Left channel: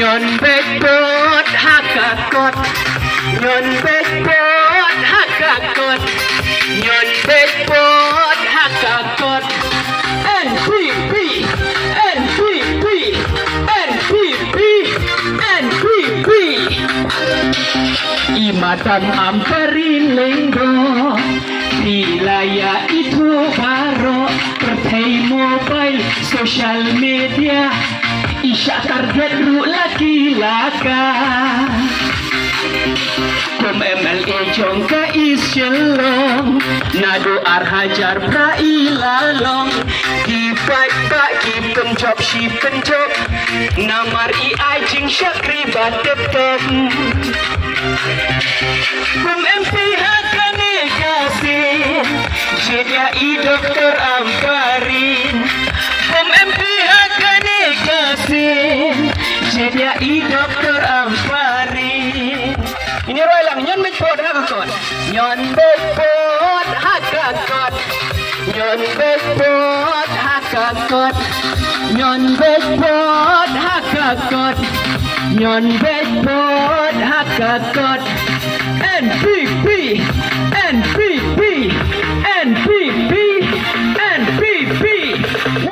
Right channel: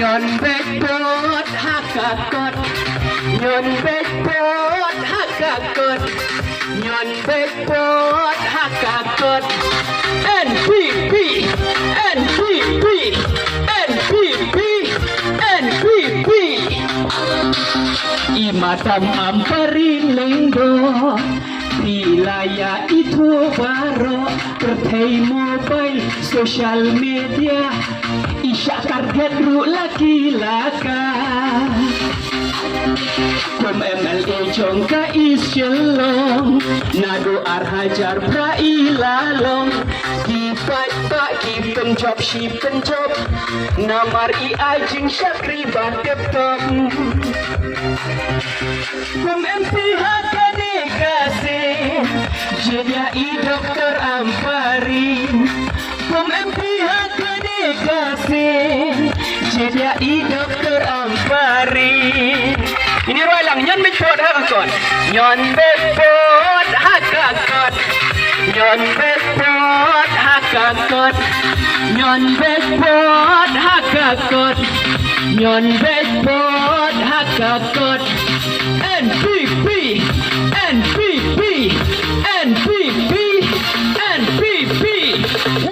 ย้อนเบกโบดฮักกะกดย้อนเบกโบดฮักกะกดย้อนเบกโบดฮักกะกด NPP NPP NPP NPP Imadam Amparin Lenggo Wilayah itu baru Pertai mobile Social media Isyak target ru laki laka Kom MLA jongka isyelong Nado arhajar prailalong Kipai tak kipen job shipen job Namar AI jing syakri batep top Kom MP hakane kasih Jediai Dr. Amparin Kom MP hakane kasih Jediai Dr. Amparin Ini Roy lang, nyon bekbod hakakot Nyon bekbod hakakot Nyon bekbod hakakot Nyon bekbod hakakot Nyon bekbod hakakot NPP NPP